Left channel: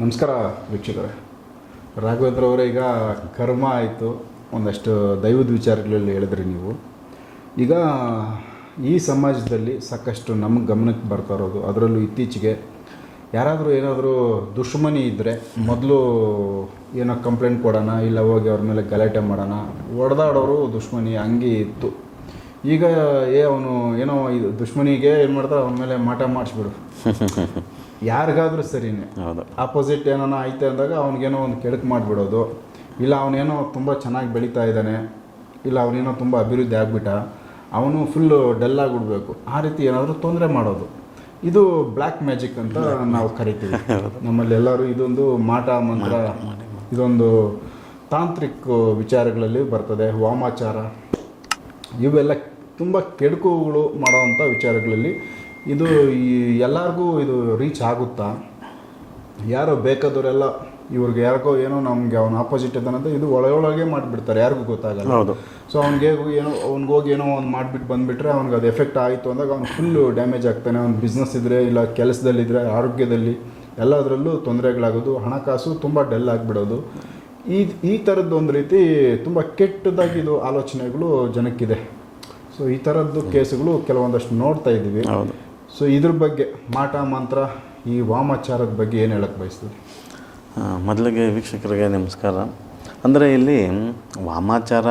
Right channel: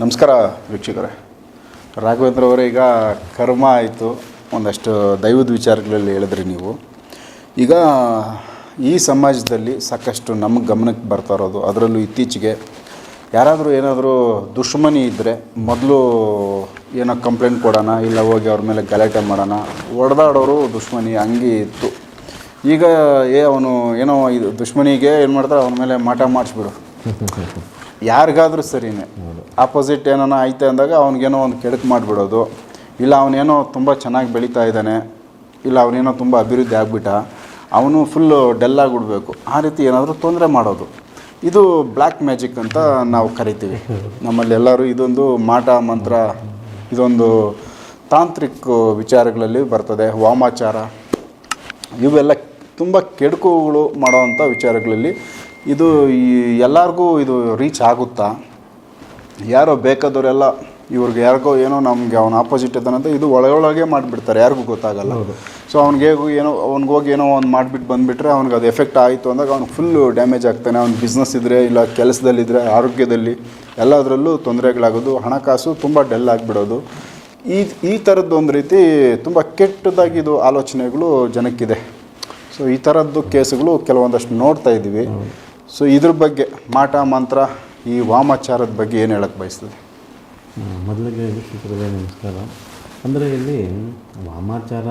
ನಮಸ್ಕಾರ ವೀಕ್ಷಕರೇ. ರಾಘವೇಂದ್ರ ಅವರೇ, ಈಗ ಕರ್ಮ ಆಯಿತು. ಒಂದಷ್ಟು ದೈವದ ವಿಚಾರಗಳಲ್ಲಿ ಹೇಳಿದ್ರಿ ನೀವು. ಈಗ ಈ ಸಮಾಜದಲ್ಲಿ ಸಾಕಷ್ಟು ನಮ್ಮ ಗಮನಕ್ಕೆ ಬರ್ತಾ ಇರೋದು, ಅದರಲ್ಲೂ ಇತ್ತೀಚೆಗೆ ಯಾರಾದರೂ ಏನಾದರೂ ದುಶ್ಮನಿ ಇದ್ದರೆ ಮೊದಲು ಏನೋ ಕಂಪ್ಲೇಂಟ್ ಕೊಡೋಣ, ಇಲ್ಲ ಹೋಗಿ ಅವ್ರ ಮೇಲೆ ಗಲಾಟೆ ಮಾಡೋಣ ಹೊಡೆದಾಡೋರು ದುಶ್ಮನಿ ಹಂಗೆ ಇತ್ತು. ಈಗ ಏ, ಅವನು ಏನೋ ಇದು ದುಶ್ಮನಿಗೆ ಏನು ಮಾಡ್ತಾರೆ ಅವನ ಮೇಲೆ ಮಾಟ ಮಾಡಿಸ್ಬಿಡು ಯಾರಿಗಾದ್ರೂ ಸರಿನೇ. ಹೌದು. ಆಪೋಸಿಟ್ ಏನೋ ಐತೆ ಅಂದಾಗ ಅವ್ನಿಗೇನೋ ಒಂದು ಕೆಡಕು ಮಾಡಿಬಿಡೋದು. ಇಲ್ಲ ಅವನೇನೋ ತುಂಬ ಚೆನ್ನಾಗಿ ಬೆಳೀತಾ ಇದ್ದಾನೆ. ಇಲ್ಲ ಅವನೇನೋ ತುಂಬ ಅಭಿವೃದ್ಧಿ ಆಗಿಬಿಟ್ಟ. ಅವನು ಫುಲ್ಲು ಡಲ್ ಆಗಿಬಿಡ್ಬೇಕು. ಆ ರೀತಿ ಏನಾದರೂ ತೊಂದರೆ ಮಾಡೋದು. ಇದು ಬ್ಲ್ಯಾಕ್ ಮ್ಯಾಜಿಕ್ ಅಂತ ನಾವು ಕರಿತೀವಿ. ನಮ್ಮಲ್ಲಿ ಎಲ್ಲರೂ ಇದೊಂದು ಮಾಟ ಮಂತ್ರ ಇದೊಂದು ತಾಂತ್ರಿಕ ವಿಚಾರಗಳಲ್ಲಿ ಬರ್ತದೆ. ವಾಮಾಚಾರ. ಇವೆಲ್ಲ ತುಂಬ ಕೆಡುಕುಗಳು ಮಾಡೋವಂಥ ವಿಚಾರಗಳಲ್ಲಿ ಇದು ಈ ಎಲ್ಲರಿಗೂ ಇದು ರೀಚ್ ಆಗುತ್ತಾ? ಯಾರೋ ಬೇಕಾದವರೆಲ್ಲ ಇವ್ರಿಗೆ ಯಾರಿಗೋ ಏನೋ ನಮಗೆ ಅವನ ಆಪೋಸಿಟ್ ಇದ್ದಾನಂತ ಇದು ಒಳಗೊಳಗೆ ಮಾಡಿಬಿಡ್ತಾರೆ ಯಾರಿಗೂ ಗೊತ್ತಾಗಲ್ಲ. ಹೌದು. ಸೊ ಅವ್ನಿಗೆ ಏನೋ ಅವ್ನಿಗೆ ಹೋಗಿ ಏನೋ ಒಂದು ಮಾಡಿಬಿಟ್ಟು ಬಂದುಬಿಟ್ರೆ ಅವ್ನಿಗೆ ಅದು ಎಫೆಕ್ಟ್ ಆಯಿತು ಅಂದಾಗ ಅವ್ನು ಫುಲ್ಲು ಡ್ಯಾಮೇಜ್ ಆಗ್ತಾನೆ. ಅವ್ನ ಬಿಸ್ನೆಸ್ ಇದ್ದರೆ ಇಲ್ಲ ಕೆಲಸದಲ್ಲಿದ್ದರೆ ಆರೋಗ್ಯದಲ್ಲಿ ಎಲ್ಲದರಲ್ಲೂ ತೊಂದರೆಗಳಾಗೋದು ಹಣಕಾಸು ತುಂಬ ಡೆಲ್ ಆಗಿಬಿಡೋದು. ಈ ಈ ಥರದ್ದು ಒಂದು ರೀತಿ ತುಂಬ ಕೆಟ್ಟದಾಗಿದು ಆಲೋಚನೆಗಳು ಜನಕ್ಕಿದೆ. ಸೊ ಈ ಥರದ್ದು ಕೇಸುಗಳು ಕೆಲವೊಂದಷ್ಟು ನೋಡ್ತಾ ಇದ್ದೀವಿ ಹೌದು. ಸೊ ಇದ್ರ ಬಗ್ಗೆ ಮಾಟ ಮಂತ್ರ ಈ ವಾಮಾಚಾರದ ಬಗ್ಗೆ ಏನು ಹೇಳಕ್ಕೆ ಬಯಸ್ತದೆ ಮೊದಲಿಗೆ ವೀಕ್ಷಕರಿಗೆ ನಮಸ್ಕಾರ. ಅಂದರೆ ಇಲ್ಲಿ ವಾಮಾಚಾರ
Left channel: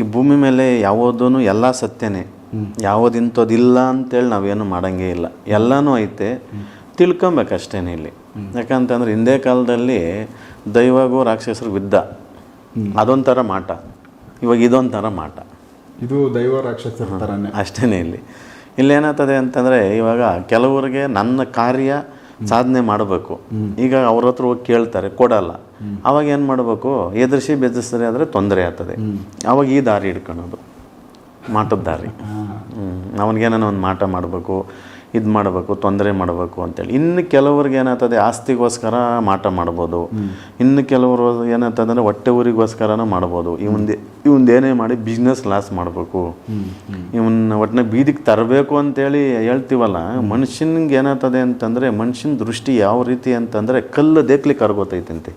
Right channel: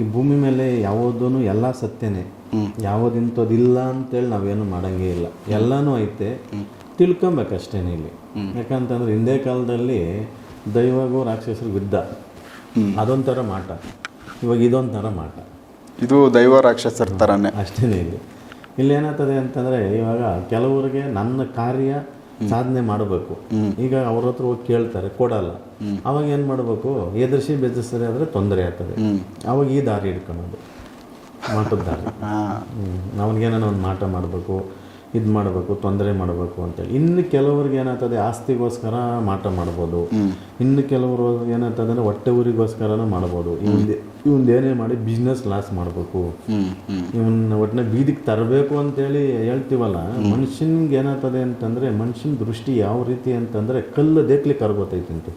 ಈ ಭೂಮಿ ಮೇಲೆ ಯಾವುದೂ ಎಲ್ಲ ಸತ್ಯನೇ. ಯಾವುದು ಇಂಥದ್ದಿಲ್ಲ ಅಂತೇಳಿ ನಾವೇನು ಮಾಡಂಗೇ ಇಲ್ಲ. ಎಲ್ಲನೂ ಐತೆ. ತಿಳ್ಕೊಬೇಕಷ್ಟೇನೆ ಇಲ್ಲಿ. ಯಾಕಂತಂದ್ರೆ ಹಿಂದೆ ಕಾಲದಲ್ಲಿ ದೈವಗೂ ರಾಕ್ಷಸರು ಯುದ್ಧ ಅದೊಂಥರ ಮಾಟ. ಇವಾಗ ಇದೊಂಥರ ಮಾಟ. ಇದು ದೈವ ರಾಕ್ಷಸರ ಥರನೇ ಅಷ್ಟೇ ಇಲ್ಲಿ. ಇಲ್ಲಿ ಏನಾಗ್ತದೆ ಅಂತಂದರೆ ಇವಾಗ ಕೆಲವರಿಗೆ ನನ್ನ ಕಾರ್ಯ ಸಾಧನೆ ಮಾಡಬೇಕು. ಈಗ ಅವ್ರ ಹತ್ರ ಹೋಗಿ ಕೇಳ್ತಾರೆ ಕೊಡಲ್ಲ. ಅವಾಗ ಏನು ಮಾಡಬೇಕು? ಎದುರಿಸಿ ಬೆದರಿಸಿದ್ರೆ ಆದರೆ ತೊಂದರೆ ಆಗ್ತದೆ. ಅವಾಗ ಈ ದಾರಿ ಹಿಡ್ಕೊಳೋದು. ಮಾಟದ ದಾರಿ. ಅವನಿಗೇನೋ ಒಂದು ಮಾಟ ಮಾಡಬೇಕು. ಇದು ಮಾಡಬೇಕು ತೊಂದರೆ ಮಾಡಬೇಕು ಅಂತೇಳಿ. ಇನ್ನು ಕೆಲವ್ರಿಗೆ ಏನಾಗ್ತದೆ ಆಸ್ತಿಗೋಸ್ಕರ ಮಾಟ ಮಾಡ್ಬೋದು. ಇನ್ನು ಕೆಲವರು ಏನಾಗ್ತದೆ ಅಂದರೆ ಹೊಟ್ಟೆ ಊರಿಗೋಸ್ಕರನೂ ಮಾಡ್ಬೋದು. ಇವಂದು ಇವಂದು ಏನೇ ಮಾಡಿ ಬಿಸ್ನೆಸ್ ಲಾಸ್ ಮಾಡಬೇಕು. ಇವನ್ನ ಒಟ್ಟಿನ ಬೀದಿಗೆ ತರಬೇಕು ಅಂತೇಳಿ ಹೇಳ್ತೀವಲ್ಲ ಮನುಷ್ಯನಿಗೆ ಏನಾಗ್ತದೆ ಅಂತಂದರೆ ಮನುಷ್ಯನ ದೃಷ್ಟಿ ಯಾವ ರೀತಿ ಅಂತಂದರೆ ಕಲ್ಲು ದೇಕ್ಲಿ ಕರ್ಗೋತೈತಂತೆ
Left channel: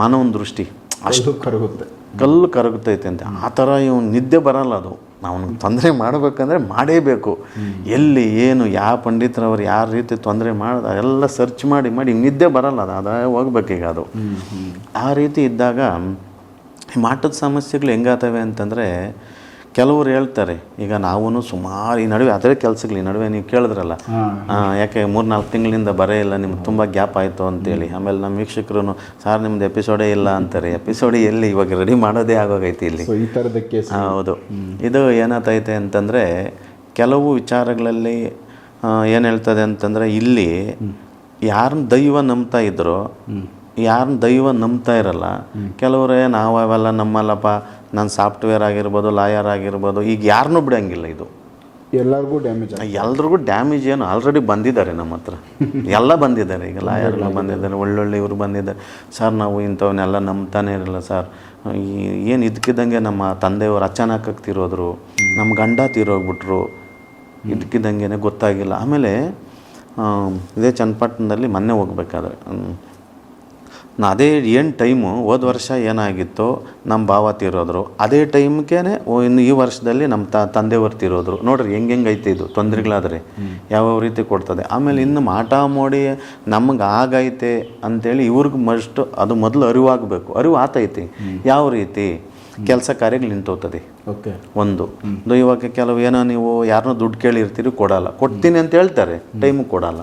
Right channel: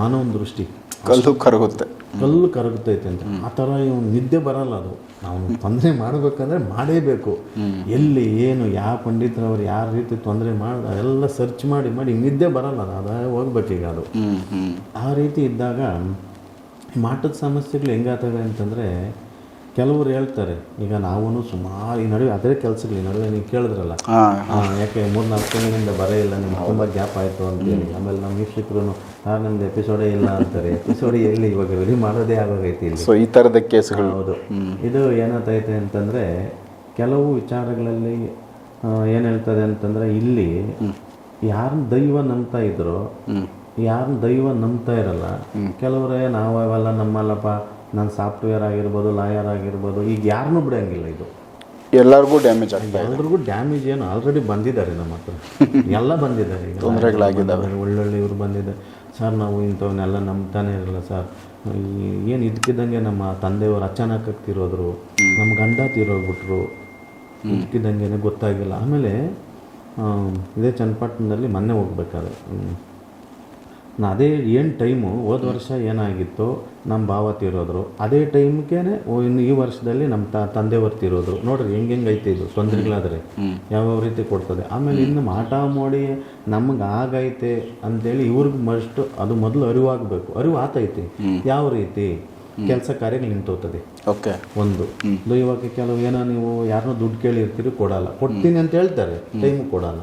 ಮಾನವನ ದೃಷ್ಟಿ. ಅಷ್ಟು ಕರಗುತ್ತೆ. ಕಲ್ಲು ಕರಗುತ್ತೈತೆ ಅಂತ. ಆ ಥರ ಇವನು ನಿದ್ದೆ ಬರಲ್ಲ ಅದು. ನಾವು ತೊಂದರೆ ಮಾಡಬೇಕಂದ್ರೆ ಮಾಡೇಬೇಕು. ಎಲ್ಲಿ ಏನು ಯಾವ ಪಂಡಿತರವ್ರು ಯಾವ ರೀತಿ ತೊಂದರೆ ಮಾಡ್ದ ಎಲ್ಲ ಸರ್ಚ್ ಮಾಡಿ ಮಾಡಿ ನಿದ್ದೆ ಬರಲ್ಲ ಅದು. ಅದ. ಹೋಗ್ಬೇಕೀಗ ಅದು ಆ ರೀತಿ ಇದ್ದಾಗ ಈ ಮಾಟದ ಸಮಸ್ಯೆಗಳು ಹೆಂಗಾತವೆ ಅಂತಂದರೆ ಕೆಲವರು ಹೇಳ್ತಾರೆ ಈಗ ನಾವು ಸುಮಾರು ಈ ನಡುವೆ ಅದೇ ಕೆಲಸಗಳು ಈ ನಡುವೆ ನೀವು ಕೇಳಿದ್ರಲ್ಲ ಯಾಕೆ ಮೂರ್ನಾಲ್ಕು ತಿಂಗಳಿಂದ ಬರೇ ಇಲ್ಲ ನಿಮ್ಗೆ ತುಂಬ ಗ್ಯಾಪ್ ಆಯಿತು ಅಂತೇಳಿ. ಆಮೇಲೆ ನಮ್ಮ ವೀಕ್ಷಕರು ಸರ್ ನಿಮ್ದು ಎಪಿಸೋಡೇ ಇಲ್ಲ ಅಂತಾರೆ. ಎಪಿಸೋಡ್ ಎಲ್ಲಿ? ಇವಾಗ ರೆಡಿ ಮಾಡೋದೇ ಆಗೋಗೈತಿ ಇಲ್ಲಿ. ಸೊ ಈ ಥರದಕ್ಕೆ ಕೇಸ್ ಹೌದು. ಇದು ಏನಾಗ್ತೈತೆ ಅಂತಂದರೆ ಕೆಲವು ವಿಚಾರಗಳಲ್ಲಿ ಏನು ಹೇಳ್ತದೆ ಅಂತಂದರೆ ಇಲ್ಲಿ ಯಾರನ್ನ ದೈವ ನಂಬ್ತಾ ಇದ್ರು ಯಾರನ್ನ ದೈವ ನಂಬ್ತಾ ಇರಲ್ಲ ಕೆಲವರೇ ನಾವು ಅವೆಲ್ಲ ನಮ್ಮಲ್ಲಪ್ಪ ನಾನು ಸಾಫ್ಟ್ವೇರ್ ಆಗಿರ್ಬೋದು ಲಾಯರ್ ಆಗಿರ್ಬೋದು ಈಗ ಯಾರನ್ನೂ ಬಿಡೋಂಗಿಲ್ಲ ಇದು. ಎಲ್ಲರಿಗೂ ಡ್ಯಾಮೇಜ್ ಎಲ್ಲರಿಗೂ ಎಲ್ರಿಗೂ ಡ್ಯಾಮೇಜ್ ಏನು ಆಲ್ರೆಡಿ ಬಂದಿದ್ದಾರೆ ನಮ್ಮ ಹತ್ರ. ಎಲ್ಲ ಬಂದಿದ್ದಾರೆ ಈಗ ಲಾಯರ್ ಬಂದಿದ್ದಾರೆ ಒಳ್ಳೊಳ್ಳೆ ಇವರು ಬಂದಿದ್ದಾರೆ. ಸರ್ ನಾವು ಇಂಥವನ್ನೆಲ್ಲ ನಂಬ್ತಾನೆ ಇರಲ್ಲ ಸರ್. ಏನು ಇದಕ್ಕಿದ್ದಂಗೆ ನಮ್ಮ ತಂದೆಯವರು ಅಚಾನಕ್ ತಿರೋದ್ರು ನಮ್ಮ ಗಂಡ ತೀರೋಗ್ಬಿಟ್ರು ಇದಕ್ಕಿದ್ದಂಗೆ ಗೊತ್ತಾಗಿಲ್ಲ. ಆಮೇಲೆ ಇದೇ ಚನ್ನಪಟ್ಟಣದಲ್ಲಿ ಮೊನ್ನೆ ಹೋಗ್ಬೇಕಾದ್ರೆ ಅದೇ ಏನು ಟೈಮು ಹೋದ ವರ್ಷ ಏನಾಗಿತ್ತೋ ನಮ್ಮ ಭಾವ ತೀರೋದ್ರು. ಅದೇ ಟೈಮ್ಗೆ ಇನ್ನು ಈ ವರ್ಷದಲ್ಲಿ ನಮ್ಮ ತ ತಂದೆಯವರು ತೀರೋದ್ರು. ನೋಡ್ರಿ ಹೆಂಗೆ ಹೆಂಗೆ ಐತೆ ಇದು ತೊಂದರೆಗಳಾದ್ರೆ. ಯಾವ ರೀತಿ ಕೊಡ್ತದೆ. ಆಮೇಲೆ ಇನ್ನು ಮಾಟ ಮಾಡಿ ನಮಗೆ ಆಗೈತೆ ಅಂತೇಳಿ ಇವ್ರಿಗೆ ಮಸ್ಟ್ ಅದು ಮೊದಲು ಅರಿವಾಗಬೇಕು. ಅರಿವು ಆತೈತಿ. ಯಾವ ರೀತಿ ಕೆಲಸ ಕಾರ್ಯಗಳು ನಿಂತೋಗ್ತದೆ. ಓಕೆ. ಒಂದು. ಇದು ಇವಾಗ ಕೆಲವು ಏನೋ ನೀವು ಯಾರನ್ನೋ ದುಡ್ಡು ಕೇಳಿರ್ತೀರಿ ಕೊಡಲ್ಲ. ಕೊಡ್ತೀನಿ ಅಂತ ಹೇಳ್ತಾರೆ. ಟೈಮು ಕೊಡಲ್ಲ.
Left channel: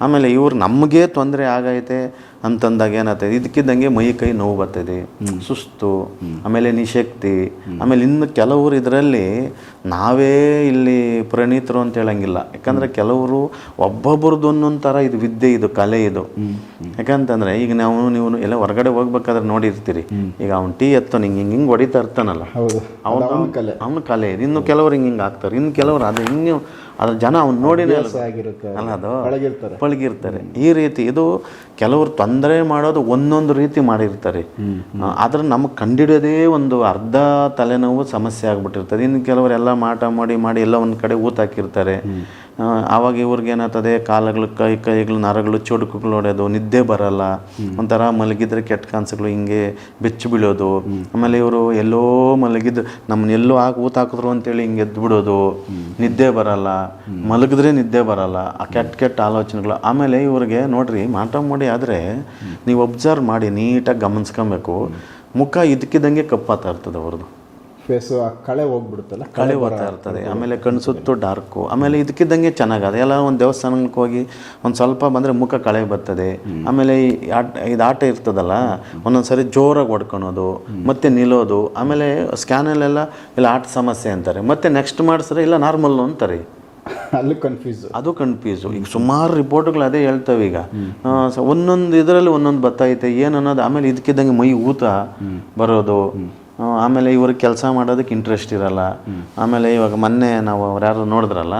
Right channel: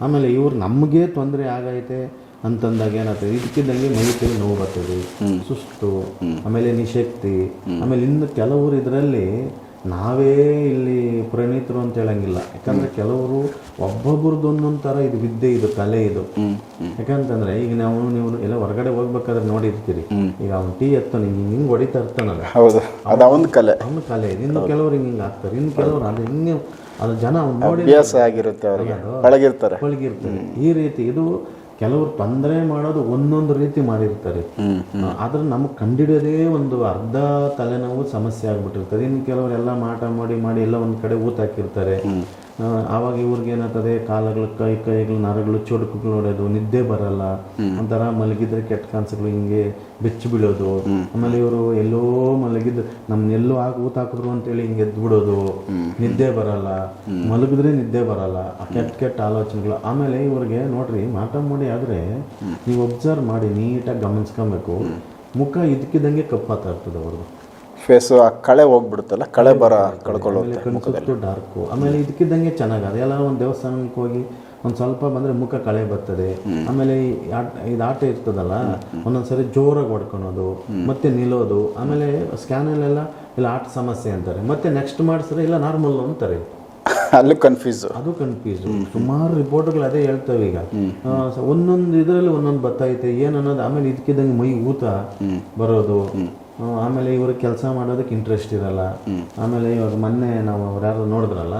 ಆಮೇಲೆ ಇವ್ರು ನಮಗೆ ತೊಂದರೆ ಆಗೈತೆ ಅಂತಂದಾಗ ಏನಾಗ್ತದೆ? ಇದಕ್ಕಿದ್ದಂಗೆ ಮೈ ಕೈ ನೋವು ಬರ್ತದೆ. ಸುಸ್ತು ಆಮೇಲೆ ನಿಶಕ್ತಿ ಆಮೇಲೆ ಇನ್ನು ಕೆಲವರು ಇದರಲ್ಲಿ ನಾವೇ ಇಲ್ಲಿ ಪ್ರಣೀತರು ಅಂತ ಹೇಳಂಗಿಲ್ಲ. ಯಾಕಂದ್ರೆ ಕೆಲವರು ಒಬ್ಬೊಬ್ರದ್ದು ಒಂದೊಂದು ಥರ ಇದು ವಿದ್ಯೆ ಇದು ಕಲೆ ಇದು. ಯಾಕಂತಂದ್ರೆ ಈಗ ನಾವು ನೀವು ಎಲ್ಲ ಹೊರಗಡೆ ಹೋಗ್ಬೇಕಾದ್ರೆ ನೋಡಿರ್ತೀರಿ. ಈಗ ಅವ್ನು ಟೀ ಎತ್ತೋ ಹಿಂಗೆ ಹಿಂಗೆ ಹಿಂಗೆ ಹೊಡಿತಾ ಇರ್ತಾನಲ್ಲ. ಹೌದು. ಕಲೆ. ಅವನ ಕಲೆ. ಇನ್ನು ಕೆಲವರು ಹಿಂಗೆ ಹಿಂಗೆ ಆಗ್ತಾರೆ. ಇನ್ನು ಕೆಲವರು ಅದು ಇನ್ನು ಅದ್ರ ಜನ ಅವ್ನು ನೋಡಿ ಆಗಿರುತ್ತೆ ಅದು ಪಳಗಿರ್ತಾರೆ. ಪಳಗಿರ್ತಾರೆ. ಈ ರೀತಿ ಇದು ಕೆಲವರು ತೊಂದರೆ ಮಾಡೋದು ಒಂದೊಂದು ರೀತಿ ಮಾಡಿರ್ತಾರೆ. ಆದ್ರೆ ನಮಗೆ ಕಂಡಿಡಿಯೋದೇ ಒಂದು ಅರ್ಧ ತಲೆನೋವು ಸಮಸ್ಯೆ ಆಗ್ಬಿಟ್ಟಿರ್ತದೆ. ಇನ್ನು ಕೆಲವರೆಲ್ಲ ಮಾಟ ಮಾಡಿ ಮಾಡಿ ಎಲ್ಲ ಒಂದು ಕಡೆ ಊತ ಹಾಕಿರ್ತಾರೆ. ಆವಾಗ ಇವ್ರಿಗೆ ಏನಾಗ್ತದೆ ಕಾಲಗಳು ಕೈ ಕೈಗಳು ನರಗಳು ಚುಡುಕುಗಳು ಹೊಡೆಯೋದು ನಿದ್ದೆ ಬರಲ್ಲ. ಒಂಥರ ಮಲಗಿದ್ರೆ ಕೆಟ್ಟ ಕನಸುಗಳು ಹಿಂಗೆ ಬೆಚ್ಚು ಬೀಳೋದು. ಆಮೇಲೆ ಇವರು ಎಲ್ಲೋ ಮಲಗಿದ್ರು ನಮ್ಮನ್ನ ಎಲ್ಲೋ ಹಾಕಿ ಊತ ಹಾಕಿದ್ರು ಅಂತೇಳಿ ಹಿಂಗೆ ಎದ್ದು ಬಿಡೋದು. ನಿದ್ದೆ ಬರಲ್ಲ. ಮಲಗಿದ್ರೆ ನಿದ್ದೆ ಬರಲ್ಲ. ಆ ಕೆಟ್ಟ ಕೆಟ್ಟ ಆಲೋಚನೆಗಳು. ಆಮೇಲೆ ಇವ್ರಿಗೆ ನೋಡ್ರಿ ಮಾಟ ಮಾಡಿ ಆದರೆ ನೀವು ಒಬ್ಸರ್ವ್ ಮಾಡಿ ನೀಟಾಗಿ ಗಮನಿಸ್ಕೊಬೇಕು. ಮುಖ ಇದಕ್ಕಿದ್ದಂಗೆ ಕಪ್ಪಾತಾ ಇರ್ತದೆ ಅವ್ರದ್ದು. ಫೇಸು ಆ ಕಳೆ ಹೋಗ್ಬಿಡುತ್ತಲ್ಲ ಕಳೆ ಬರ. ಆಮೇಲೆ ಕಣ್ಣು ಸುತ್ತು ಡಾರ್ಕು ಆಮೇಲೆ ಇದಕ್ಕಿದ್ದಂಗೆ ಚೆನ್ನಾಗದ ಎಲ್ಲ ಒಂದು ದೇವಸ್ಥಾನಕ್ಕೆ ಹೋಗಿ ಒಂದು ಸ್ವಲ್ಪ ಬಂದರೆ ಮುಖ ಕಳೆ ಬರ್ತದೆ. ಆಮೇಲೆ ಈ ಆಟ ಇದು ಆಟ ಇರ್ತದಲ್ಲ ಒಂದೊಂದ್ಸರಿ ಜೋರಾಗಿ ಹೊಡ್ಕೊಳೋದು ಮತ್ತೆ ನಿಲ್ಲೋದು ಆಮೇಲೆ ಸ್ಕ್ಯಾನಲ್ಲೆಲ್ಲ ಇಲ್ಲ ಆಟ ಸಮಸ್ಯೆ ಅಂತಾರೆ. ಮತ್ತೆ ನೆಕ್ಸ್ಟ್ ಮಾಡಿಸ್ರೆ ಇಲ್ಲ ನಾರ್ಮಲ್ ಅಂತಾರೆ. ಅಲ್ಲಿ ಕನ್ಫ್ಯೂಸ್ ಅದು ಕನ್ಫ್ಯೂಸು ಈಗ ಸುಮಾರು ರಿಪೋರ್ಟ್ಗಳು ಅದೇ ಹೇಳ್ತವೆ ಈಗ. ಒಂದೊಂದು ಇದರಲ್ಲಿ ಒಂದೊಂದು ಬತ್ತೈತೆ ಏನು ಅನ್ನೋದು ಆಮೇಲೆ ಇದಕ್ಕಿದ್ದಂಗೆ ಮೈ ಊತ ಬರೋದು. ಆಮೇಲೆ ಇವ್ರಿಗೆ ಕೆಲಸ ಮಾಡೋದಕ್ಕೆ ಇಂಟ್ರೆಸ್ಟ್ ಇರಲ್ಲ. ಆಮೇಲೆ ಇವಾಗ ಮೊನ್ನೆ ನಾವು ಅವ್ರು ಯಾರು ನೋಡಿದ್ರಲ್ಲ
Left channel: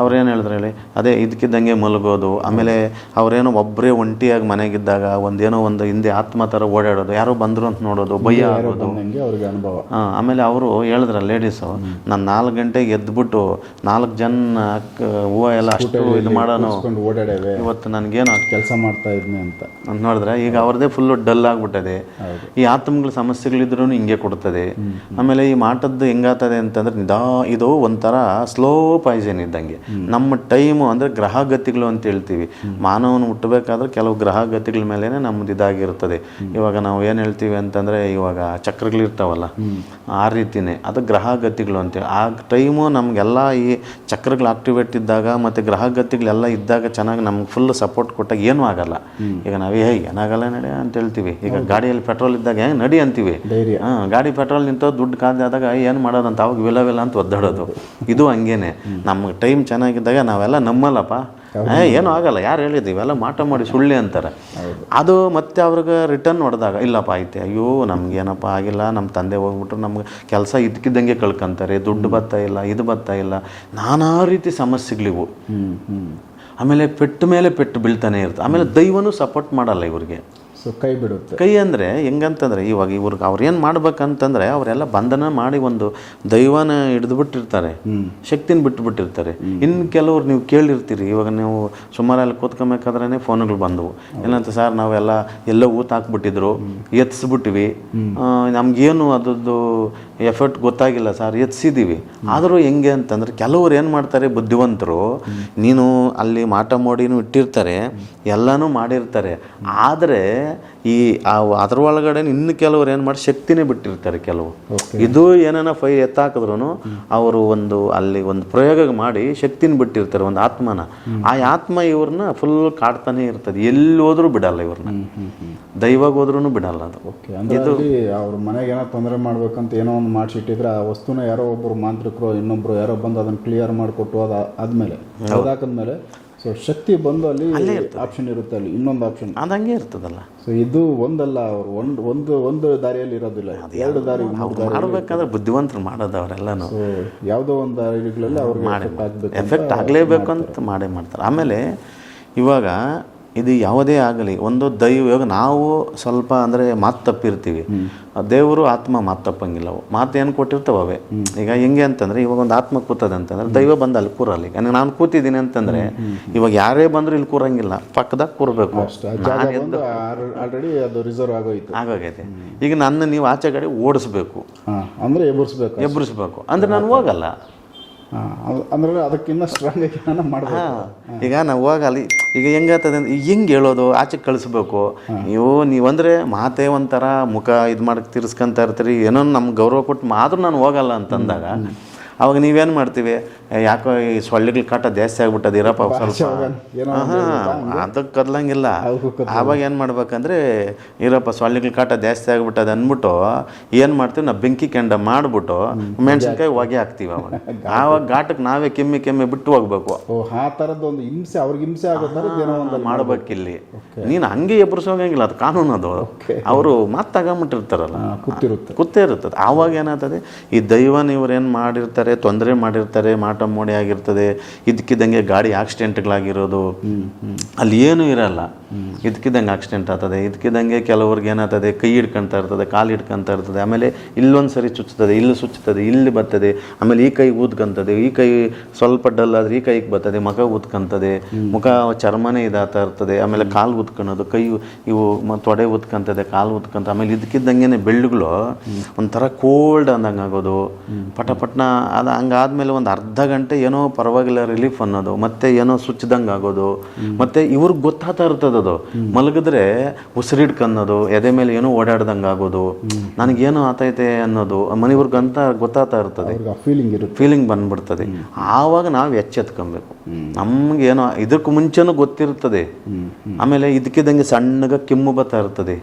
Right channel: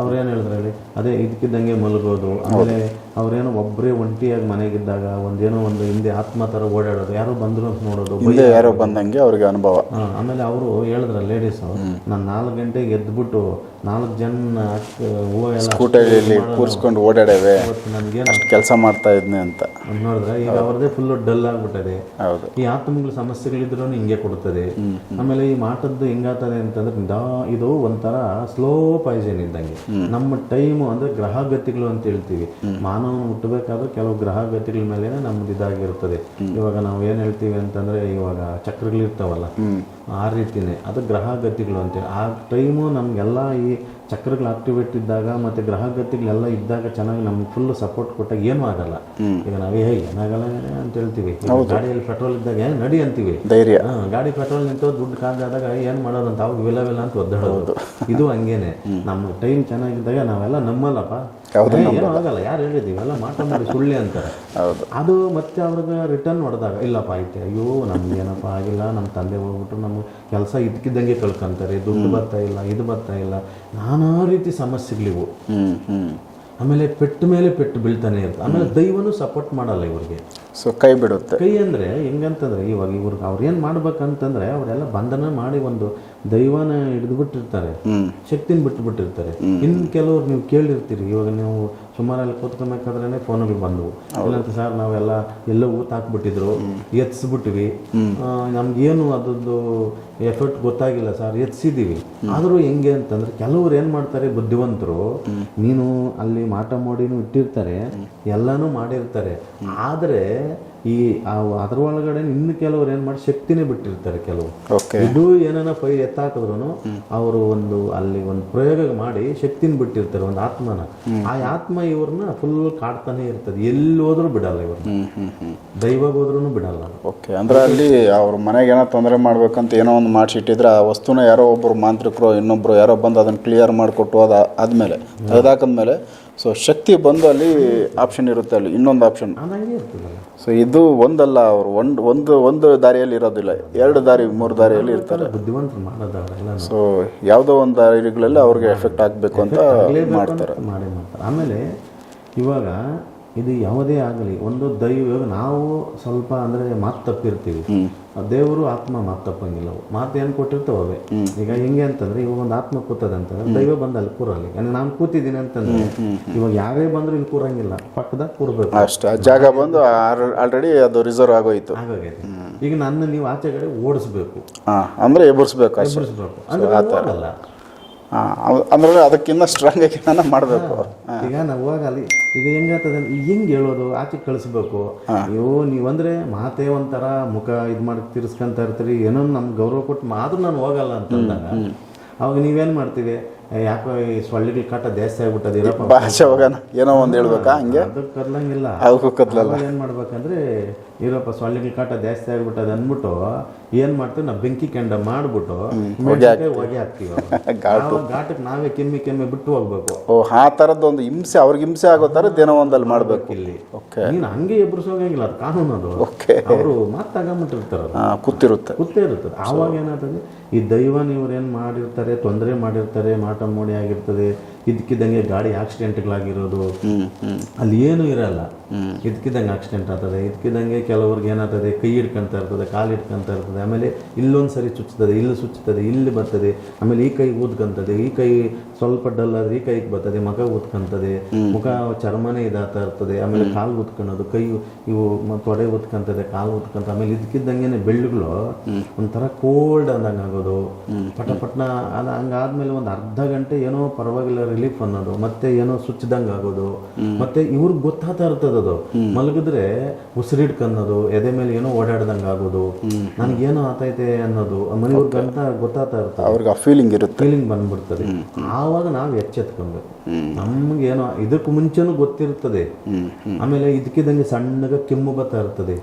ಅವ್ರೇನು ಹೇಳಿದ್ರು ಹೇಳಿ ಅದೇ ಇದಕ್ಕಿದ್ದಂಗೆ ಮಲಗೋದು ಆಮೇಲೆ ಅವ್ರೇನೋ ಒಬ್ಬರೇ ಒಂಟಿಯಾಗಿ ಮನೆಗಿದ್ದಾಗ ಒಂದೇನೋ ಒಂದು ಹಿಂದೆ ಆತ್ಮ ಥರ ಓಡಾಡೋದು ಯಾರೋ ಬಂದರು ಅಂತ ನೋಡೋದು ಭಯ ಯಾರೋ ಬಂದಂಗೆ ಅವ್ರಿಗೆ ಅನುಭವ. ಆಮೇಲೆ ಅವರು ಹೇಳಿದ್ರ ಲೇಡೀಸು ನಾನು ನಾಲ್ಕು ಗಂಟೆಗೆ ಎದ್ಬಿಟ್ಟು ನಾಲ್ಕು ಜನ ಹೂವು ಎಲ್ಲ ಓಡಾಡೇವೆ ಇವತ್ತು ನನಗೇನು ಕೆಲಸ ಮಾಡ್ತಾ ಇದ್ನೆ ಅಂತ. ನೋಡಿದ್ರೆ ಈಗ ಅವ್ರದ್ದೇ ಫುಲ್ಲು ಡಲ್ ಆಗಿಬಿಟ್ಟದೆ. ಈ ಆತ್ಮಗಳ ಸಮಸ್ಯೆಗಳಿದ್ರು ಹಿಂಗೆ ಕೊಡ್ತದೆ ಆಮೇಲೆ ಈ ಮಾಟದ್ದು ಹೆಂಗಾಗ್ತದೆ ಅಂತಂದ್ರೆ ನಿದಾ ಇದು ಒಂಥರ ಸ್ಲೋ ಪಾಯ್ಸನ್ ಇದ್ದಂಗೆ. ನಮ್ಮ ಟೈಮು ಅಂದರೆ ಗ್ರಹಗತಿಗಳು ಅಂತ ಹೇಳ್ತೀವಿ. ಮಾನವನ ಮುಟ್ಟಬೇಕಾದ್ರೆ ಕೆಲವು ಗ್ರಹಗತಿಗಳ ಮೇಲೆ ನಮ್ದು ಇದಾಗಿರ್ತದೆ ಇವಾಗ ನಾವು ಏನು ಹೇಳ್ತೀವಿ ಅಂತಂದರೆ ಇವಾಗ ಚಕ್ರಗಳಿರ್ತಾವಲ್ಲ ಆ ರೀತಿನೇ. ಅದು ಗ್ರಹಗತಿಗಳು ಅಂತೇಳಿ ಆ ಟೈಮು ನಮಗೆಲ್ಲ ಈ ಚಕ್ರಗಳು ಆಕ್ಟಿವೇಟ್ ಇದ್ದಾಗ ಮತ್ತು ಗ್ರಹಗತಿಗಳೆಲ್ಲ ಇದ್ದಾಗ ಚೆನ್ನಾಗಿ ನಮ್ಗೆ ಫುಲ್ ಸಪೋರ್ಟ್ ಕೊಟ್ಟಾಗ ಏನೂ ಆಗಲ್ಲ. ಈಗ ನಾವು ಏನಾಗಲ್ಲ ನಡೆ ಅಂತ ಹೇಳ್ತೀವಿ. ಈಗ ಗಾಡಿಯಲ್ಲಿ ಪೆಟ್ರೋಲ್ ಇದ್ದಾಗ ಹೆಂಗೆ ನಡಿ ಅಂತೀವಿ. ಧೈರ್ಯ. ಹಾ, ಗಾಡಿ ಪೆಟ್ರೋಲ್ ನಿಂತು ದುಡ್ಡು ಕಾದಾದಾಗ ಏನು ಮಾಡೋದಂತ ಅವಾಗ ವಿಲವಿಲ್ಲ ವಿಲ ಅಂತ ಒದ್ದಾಡೋದು. ಇದು ಹಂಗೇನೆ. ನಮ್ಗೆ ಟೈಮ್ ಚೆನ್ನಾಗಿದ್ದಾಗ ನಾವೆಲ್ಲ ನಮ್ಮಲ್ಲಪ್ಪ. ಏನು ಆಗಲ್ಲ. ಯಾರು ಹೇಳಿದ್ದು? ಇವೆಲ್ಲ ಮಾಟ ಮಾಡಿ ಸುಳ್ಳೆ ಅಂತಾರೆ. ಅದು ಮತ್ತೆ ಅವ್ರಿಗೆ ರಿಟರ್ನ್ ಹೊಡೆದಾಗ ಇಲ್ಲಪ್ಪ ಐತೆ ಅಯ್ಯೋ ನಮ್ಗೆ ಏನಪ್ಪ ಆಗಿಲ್ಲ. ನಮ್ಮ ತಂದೆ ಹೋಗ್ಬಿಟ್ರು ನಮ್ಗೆ ಕೆಲಸ ಇದಕ್ಕಿದ್ದಂಗೆ ಕಳ್ಕೊಂತಾರೆ. ದುಡ್ಡು ಬರ್ತಾ ಇಲ್ಲ ಇದು ಬರ್ತಾ ಇಲ್ಲ. ನಾನಾ ರೀತಿ ಸಮಸ್ಯೆಗಳಿವು. ಆಮೇಲೆ ಪೆಟ್ಟು ಮೇಲೆ ಪೆಟ್ಟು ಬೀಳ್ತಾನೆ ಇರುತ್ತೆ. ಆಮೇಲೆ ದೈವನೂ ಸಪೋರ್ಟ್ ಮಾಡಲ್ಲ ಇವ್ರಿಗೆ. ಸೊ ಕೈ ಬಿಡುತ್ತೆ. ಕೈ ಅಂದರೆ ಹೆಂಗಂತಂದ್ರೆ ಇವಾಗ ಇವ್ರಿಗೆ ಅವ್ರು ಏನು ಮಾಡ್ಬೇಕಂತಂದ್ರೆ ಅವರೆಲ್ಲ ಬಂಧನ ಮಾಡಿ ಒಂದು ದೈವನ ಹಿಡಿದು ಬಿಟ್ಟಿರ್ತಾರೆ ಶಕ್ತಿನ ಬಿಟ್ಟು ಬಿಟ್ಟಿರ್ತಾರೆ ಇನ್ನು ಕೆಲವ್ರು ನೀವು ಕೇಳಿರ್ತೀರಿ ಇವಾಗ ನೀವು ಸುಮಾರಲ್ಲಿ ಕೂತ್ಕೊಬೇಕಾದ್ರೆ ಫೋನ್ಗಳು ಬಂದವು. ಏನಂತ ಸರ್ ನಾವೆಲ್ಲ ಎಲ್ಲ ಊತ ಹಾಕ್ಬಿಟ್ಟಿದ್ರು ಎತ್ಸ್ಬಿಟ್ಟಿವಿ. ನಮಗೇನು ನಮ್ಗೇನು ಅದರದ್ದು ಎಫರ್ಟ್ ಗೊತ್ತಾಗಿಲ್ಲ ಸರ್ ಎತ್ಸಿದ್ದೀವಿ ಆದರೂ ಹೆಂಗೆ ಅಂತಂದ್ರೆ ಕೆಲವ್ರು ಏನು ಮಾಡ್ತಾರೆ ಬುದ್ಧಿವಂತರು ನೀನು ಅಲ್ಲಿ ಮಾಟ ಮೋಡಿನೂ ಇಟ್ಟಿರ್ತಾರೆ ಎಲ್ಲನೂ ಮಾಡಿರ್ತಾರೆ. ಆದರೆ ಈ ಆ ಅದ್ರ ಒಳಗಡೆ ಇನ್ನು ಕೆಲವರು ಏನು ಮಾಡಿ ಶಕ್ತಿನೇ ಬಿಟ್ಟಿರ್ತಾರೆ ಕೆಲವು. ಇದು ಏನಾನ ಫೈ ಎತ್ತಾಕಿದ್ರು ಅವರು ಒಂದು ಅಲ್ಲಿ ಒಂದು ಪ್ರಯೋಗ ಮಾಡಿ ಶಕ್ತಿನ ಬಿಟ್ಟಿರ್ತಾರೆ ಒಂದು ಆತ್ಮನ. ಆ ಆತ್ಮ ಇವ್ರನ್ನ ಫುಲ್ ಕಾಡ್ತಾನೆ ಇರ್ತದೆ. ಎಲ್ಲಿ ಹೋದ್ರು ಬಿಡಲ್ಲ ಇವ್ರನ್ನ. ದೈವಾಗ ಹೋದ್ರೂ ಬಿಡಲ್ಲ ಅದು. ಓಕೆ ಅಂದ್ರೆ ಅಲ್ಲಿ ಅವ್ರ ಮನೆಗೆ ಏನೋ ತೊಂದರೆ ಮಾಡ್ಬೇಕಂತ ಏನೋ ಒಂದು ಮಾಡಿಸಿಟ್ಟಿದ್ರೆ ಆ ವಸ್ತುನ ಯಾರೋ ಒಬ್ಬರು ಮಾಂತ್ರಿಕರು ಇನ್ನೊಬ್ರು ಯಾರೋ ಬಂದು ಅದನ್ನ ಕ್ಲಿಯರ್ ಮಾಡಿಕೊಟ್ಟು ಅದ ಆದ್ಮೇಲೆ ತೆಗೆದಾಕದ್ಮೇಲೆ ಸೊ ಶಕ್ತಿ ಬಂದು ಅಲ್ಲಿ ಆಪ್ಷನ್ ಇರುತ್ತೆ ಅಲ್ಲಿ ಇನ್ನೊಂದು ಆಪ್ಷನ್ ಅದಂಗೆ ಇರ್ತದಲ್ಲ. ಸೊ ಇದು ಒಂದಲ್ಲ ಅವರು ಒಂದು ಒಂದು ಒಂದು ದಾರಿಯಲ್ಲಿ ಇರೋದಿಲ್ಲ. ಎರಡು ದಾರಿ ಮೂರು ದಾರಿಯಲ್ಲಿ ಬೇಕಾದ್ರೆ ಬುದ್ಧಿವಂತರು ಮಾಡೋದು ಅವರೆಲ್ಲ ಸೊ ಯಾವುದೋ ಒಂದು ದಾರಿಗಳಲ್ಲಿ ಅವ್ರಿಗೆ ಎಫೆಕ್ಟ್ ಆಗಬೇಕು ಅಂತ ಆಗಲೇಬೇಕು ಅಂತ ಮಾಡೇ ಮಾಡ್ತಾರೆ. ಆಮೇಲೆ ಇವಾಗ ಇದು ಯಾವುದೇ ಆಗಲಿ ಒಂದು ದೈವ ಇವಾಗ ನಾವು ಸ್ವಲ್ಪ ಅಂದರೆ ಮಾತು ತಪ್ಪಿರ್ತೀವಿ. ದೇವರು ಆತ್ಮ ಮಾತು ತಪ್ಪಂಗಿಲ್ಲ ಅವು. ಮಾತು ಏನು ಕೊಟ್ಟಿರ್ತಾವೆ ಅವೇ? ಈಗ ಹೆಂಗೆ ಅಂತಂದ್ರೆ ಇವಾಗ ಒಂದು ಆತ್ಮ ಕೂತದೆ ಅಂತಂದ್ರೆ ದೈವ ಬಂದು ಅಲ್ಲಿ ಕೂರಲ್ಲ ಈಗ. ನಾನು ಕೂತಿದ್ದೀನಿ ಅಂತಂದ್ರೆ ಇವಾಗ ಯಾರೇ ಬಂದರೂ ಇಲ್ಲಿ ಕೂರಂಗಿಲ್ಲ. ಪಕ್ಕದಾಗ ಕೂರಬೇಕು. ಅಷ್ಟೇ. ಜಾಗ ಬಂದು ಆಲ್ರೆಡಿ ಅದು ರಿಸರ್ವ್ ಆಗೋಯ್ತು. ಆಗೋಗೈತೆ. ಈಗ ನನ್ನ ನೀವು ಆಚೆ ಕಡೆ ಓಡಿಸ್ಬೇಕು. ಅಂದ್ರೆ ಎಬ್ಬರಿಸ್ಬೇಕು ಎಬ್ಬರಿಸ್ಬೇಕು ಅಂದ್ರೆ ನಾನು ಹೋಗಲ್ಲ. ಅಂದ್ರೆ ಅದಕ್ಕಿಂತ ಸ್ಟ್ರಾಂಗ್ ಆಗಿ ನಾನು ಮಾಡಬೇಕು. ಈಗ ನಾವು ಹೋಗಿ ಅಲ್ಲಿ ಈಗ ಹೆಂಗಾಗ್ತದೆ ಅಂದ್ರೆ ಹೆಂಗೆ ಹೇಳೋದು ಆಚೆ ಕಳಿಸ್ಬೇಕು. ನೀವು ನೀವಂದ್ರೆ ಮಾತೇ ಒಂಥರ ಮುಖ ಇದು ಮಾಡಕ್ಕೆ ತಿರ್ಸ್ಕೊಂತ ಇರ್ತೀರಿ ಏನೋ ನಮ್ಗೆ ಗೌರವ ಕೊಟ್ಟು ಮಾತ್ರ ನಾನು ಹೋಗಲ್ಲ ಅಂತಂದಾಗ ಅವಾಗ ನೀವೇನು ಮಾಡ್ತೀವಿ? ಯಾಕೋ ಈ ಸೊಳ್ಳೆಗಳ ಕಾಟ ಜಾಸ್ತಿ ಆಗ್ಬಿಟ್ಟದ ಇರಪ್ಪ ಭಾಷೆ ಹೋಗೋಣ ಏನೋ ಒಂದು ಹೇಳ್ಬೇಕಾ ಹಂಗೆ? ಅದಕ್ಕೆ ಕದ್ಲಂಗಿಲ್ಲ. ಅವಾಗ ಏನು ಮಾಡ್ಬೇಕಂದ್ರೆ ಇರಪ್ಪ ಸೊಳ್ಳೆಗಳ ಕಾಟ ಜಾಸ್ತಿ ಆಗ್ಬಿಟ್ಟದ ಅಂದ್ಬಿಟ್ಟು ಏನು ಮಾಡ್ತೀವಿ ನಾವು ಬೆಂಕಿ ಕೆಂಡ ಮಾಡಿಬಿಟ್ಟು ಮೆಣಸಿನ್ಕಾಯಿ ಹೊಗೆ ಹಾಕ್ತೀವಿ ಅವಾಗ. ಆವಾಗ ಘಾಟಕ್ಕೆ ನಾವೇ ಕೆಮ್ಮಿ ಕೆಮ್ಮಿ ಬಿಟ್ಟು ಹೋಗ್ಬೇಕು. ಓ ಆ ಥರದ್ದು ಒಂದು ಹಿಂಸೆ ಅವ್ರಿಗೆ ಹಿಂಸೆ ಆಗೋ ಥರದ್ದು ಏನೋ ಒಂದಲ್ಲಿ ಮಾಡ್ಬೇಕು. ಇಲ್ಲಿ ನೀನು ಹಂಗೆ ಎಬ್ಬರಿಸೋಗಂಗಿಲ್ಲ ಅದು ಕಾನೂನು ಅದು. ಅವರು ಮಾತು ತಗೊಂಬಿಟ್ಟಿರ್ತಾರಲ್ಲ. ಕೂತಿರುತ್ತೆ ಕೂತೇ ಇರ್ತದೆ ಆವಾಗ ಏನಾಗ್ತದೆ ಈ ದೈವನ ಇವ್ರು ಏನು ಮಾಡಿರ್ತಾರೆ ತೊಂದರೆ ಮಾಡಿರ್ತಾರೆ ಮಾಟ ಮೋಟ ಮೋಡಿ ಆಗಿರ್ತದೆ. ಇದಕ್ಕಿದ್ದಂಗೆ ಗಾಡಿ ಆಕ್ಸಿಡೆಂಟ್ಗಳಾಗಿರೋದು. ಅಲ್ಲಿ ಏನೂ ಇರಲ್ಲ. ಇದಕ್ಕಿದ್ದಂಗೆ ಆಕ್ಸಿಡೆಂಟ್ ಆಗ್ತದೆ. ಇದಕ್ಕಿದ್ದಂಗೆ ಕೆಲವ್ರಿಗೆ ಏನಾಗ್ತದೆ ಕೈ ಹಿಡ್ಕೊಂತ ಇರ್ತದೆ ಕಾಲು ಹಿಡ್ಕೊಂತ ಇರ್ತದೆ. ಆಮೇಲೆ ಇಲ್ಲೊಂದು ಸರಿ ಚುಚ್ಚುತ್ತದೆ ಇಲ್ಲಿ ಸುಚ್ಚುತ್ತದೆ ಇಲ್ಲಿ ಬರ್ತದೆ. ಆಮೇಲೆ ಈ ಕೈ ಊದ್ಕೊಂತದೆ ಈ ಕೈ ಸ್ವಲ್ಪ ಡಲ್ ಆದ್ರೆ ಈ ಕೈಗೆ ಬರ್ತದೆ ಮುಖ ಊದ್ಕೊಂತದೆ. ಮುಖ ಚರ್ಮನೇ ಇದಾಗ್ತಾ ಇರ್ತದೆ. ಆಮೇಲೆ ಕಾಲು ಊದ್ಕೊಳೋದು ಕೈ ಇವು ತೊಡೆ ಊದ್ಕೊಂತದೆ ಕಾಲು ಊದ್ಕೊಂತ. ಆಮೇಲೆ ಇದಕ್ಕಿದ್ದಂಗೆ ಬೆಳ್ಳುಗಳು ಒಂಥರ ಕೋಲ್ಡ್ ಅಂದಂಗೆ ಆಗೋದು ಪಟ ಪಟ್ನ ಅದು ಹಂಗಾದ್ಮೇಲೆ ಒಂದು ಅರ್ಧ ಗಂಟೆ ಏನೋ ಪರವಾಗಿಲ್ಲ ರಿಲೀಫ್ ಅನ್ನೋದು ಮತ್ತೆ ಏನೋ ಸುಚ್ಚಿದಂಗೆ ಆಗೋದು ಮತ್ತೆ ಇವ್ರಿಗೆ ಗೊತ್ತಾಗ್ತಾ ಇರ್ತದದು ಅದು. ಮಲಗಿದ್ರೆ ಉಸಿರಿಡ್ಕನ್ನೋದು ಎದೆ ಮೇಲೆ ಏನೋ ಓಡಾಡ್ದಂಗೆ ಆಗೋದು. ನನಗೇನೋ ಆತೈತೆ ಅನ್ನೋದು ಮನೆಯವ್ರಿಗಂತ ಗೊತ್ತಾಗ್ತಾ ಇರ್ತದೆ. ಅವ್ರಿಗೆ ಆ ಫೀಲಿಂಗ್ ಇರುತ್ತೆ. ಫೀಲಿಂಗ್ ಬಂದ್ಬಿಡ್ತದೆ. ಆವಾಗ ನಾವು ಎಚ್ಚೆತ್ಕೊಬೇಕು. ನಮ್ಗೇನೋ ಇದಕ್ಕೂ ಮುಂಚೆನೂ ಗೊತ್ತಿರ್ತದೆ ಆಮೇಲೆ ಇದಕ್ಕಿದ್ದಂಗೆ ಸಣ್ಣಗ ಕೆಮ್ಮು ಬರ್ತಾ ಇರ್ತದೆ.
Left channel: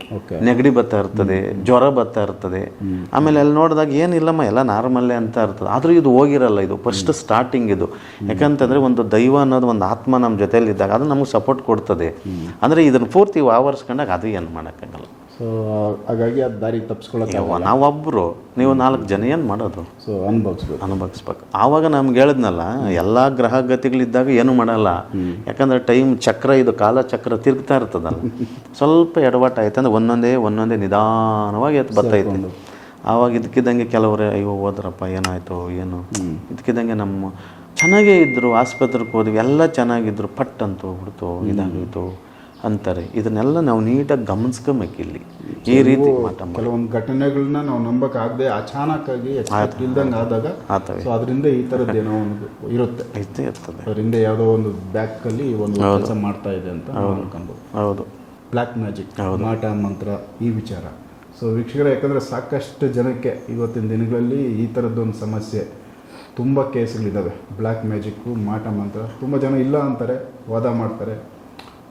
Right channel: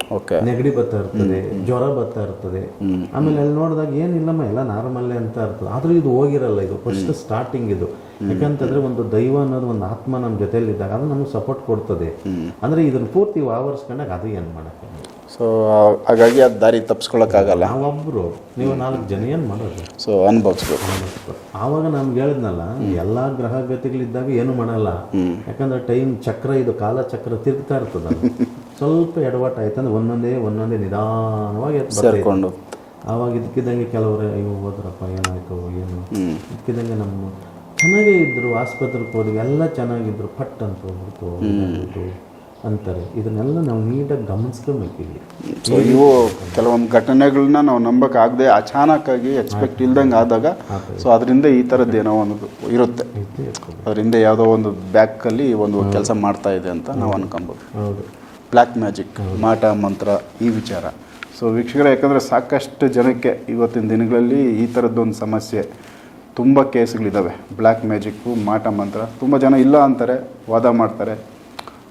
ನೆಗಡಿ ಬರ್ತಾ ಇರ್ತದೆ ಜ್ವರ ಬರ್ತಾ ಇರ್ತದೆ. ಆಮೇಲೆ ಅಲ್ಲಿ ನೋಡಿದಾಗ ಏನಿಲ್ಲಮ್ಮ ಎಲ್ಲ ನಾರ್ಮಲ್ಲೇ ಅಂತ ಇರ್ತದೆ. ಆದರೂ ಇದು ಹೋಗಿರಲ್ಲ ಇದು ಫಸ್ಟ್ ಸ್ಟಾರ್ಟಿಂಗ್ ಇದು. ಯಾಕಂತಂದ್ರೆ ಒಂದು ದೈವ ಅನ್ನೋದು ಒಂದು ಆತ್ಮ ನಮ್ಮ ಜೊತೆಯಲ್ಲಿ ಇದ್ದಾಗ ಅದು ನಮಗೆ ಸಪೋರ್ಟ್ ಕೊಡ್ತದೆ. ಅಂದ್ರೆ ಇದನ್ನ ಪೂರ್ತಿ ಆವರಿಸ್ಕೊಂಡಾಗ ಅದು ಏನು ಮಾಡೋಕ್ಕಾಗಲ್ಲ. ಸೊ ಹಾಗಾಗಿ ಅದು ದಾರಿ ತಪ್ಪಿಸ್ಕೊಳ್ಳೋಕ್ಕಾಗಲ್ಲ ನಾವೊಬ್ಬರು ನೀವು ನಾಲ್ಕು ಜನ ಏನು ಮಾಡೋದು? ಸೊ ಅನುಭವಿಸ್ಬೇಕು. ಅನುಭವಿಸ್ಬೇಕು. ಆವಾಗ ನಮ್ಗೆ ಹೇಳಿದ್ನಲ್ಲ ಎಲ್ಲ ಗ್ರಹ ಗತಿಗಳಿದ್ದಾಗ ಏನು ಮಾಡಲ್ಲ. ಯಾಕಂದ್ರೆ ಟೈಮ್ ಚಕ್ರ ಇದು ಕಾಲ ಚಕ್ರ ತಿರುಗ್ತಾ ಇರ್ತದಲ್ಲ. ಸ್ವಲ್ಪ ಎಡವಾಟ ಆಯ್ತು ಅಂದ್ರೆ ಒಂದೊಂದೇ ಒಂದೊಂದೇ ನಿಧಾನವಾಗಿ ಬರ್ತಾಯಿಕೊಂಡು. ಆವಾಗ ಇದಕ್ಕಿದ್ದಂಗೆ ಕೆಲವರು ಅಯ್ಯೋ ಹೋದ್ರಪ್ಪ ಏನಾಯ್ತು ಏನು? ಇದಕ್ಕಿದ್ದಂಗೆ ನಮ್ಮ ಚೆನ್ನಾಗೇ ಇದ್ದರು ಆಸ್ಪತ್ರೆಗೆ ಹೋದ್ವಿ ಎಲ್ಲ ಚೆನ್ನಾಗಿದ್ರು. ಪಟ್ ಅಂತ ಹೋಗ್ಬಿಡ್ತು ಇದಾಗಿತ್ತು ಅಂತಾರೆ. ಇದನ್ನೆಲ್ಲ ನಾವು ನೀಟಾಗಿ ಗಮನಿಸ್ಕೊಬೇಕು ಇಲ್ಲಿ. ಈ ನೀವು ಕೆಲವೊಂದು ಘಟನೆಗಳನ್ನ ನಾವು ನಂಬಕ್ಕಾಗದೆ ಅಚಾನಕ್ಕಾಗಿ ಎಕ್ಸ್ಪೆಕ್ಟ್ ಇಲ್ದಂಗೆ ಆದಾಗ ಸೊ ಅದರಿಂದ ಈ ಥರದ್ದು ಏನೋ ಒಂದು ಇರುತ್ತೆ. ಅದರಿಂದ ಇರ್ತದೆ. ಯಾವುದೋ ಒಂದು ಬ್ಯಾಕಲ್ಲಿ ಒಂದು ಕೆಲಸ ಮಾಡ್ತಾ ಇದೆ ಅಂತ ನಾವು ಅನ್ಕೊಬೋದು. ಹೌದು. ಬ್ಲ್ಯಾಕ್ ಮ್ಯಾಜಿಕ್ ಮಾಟ ಮಂತ್ರ ಈ ವಿಚಾರ. ಸೊ ವೀಕ್ಷಕರೇ ಯಾಕಂದರೆ ಸಾಕಷ್ಟು ಜನಕ್ಕೆ ಇವತ್ತಿನ ದಿನಗಳಲ್ಲಿ ಈ ಥರದ್ದೊಂದು ಸಮಸ್ಯೆ ತುಂಬ ಕೇಸ್ಗಳಿದ್ದಾವೆ ಬ್ಲ್ಯಾಕ್ ಮ್ಯಾಜಿಕ್ಕು ಮಾಟ ಮಂತ್ರ. ತುಂಬ ಜನ ಇಲ್ಲ ಅಂತಾರೆ ವಾದ ಮಾಡ್ತಾರೆ.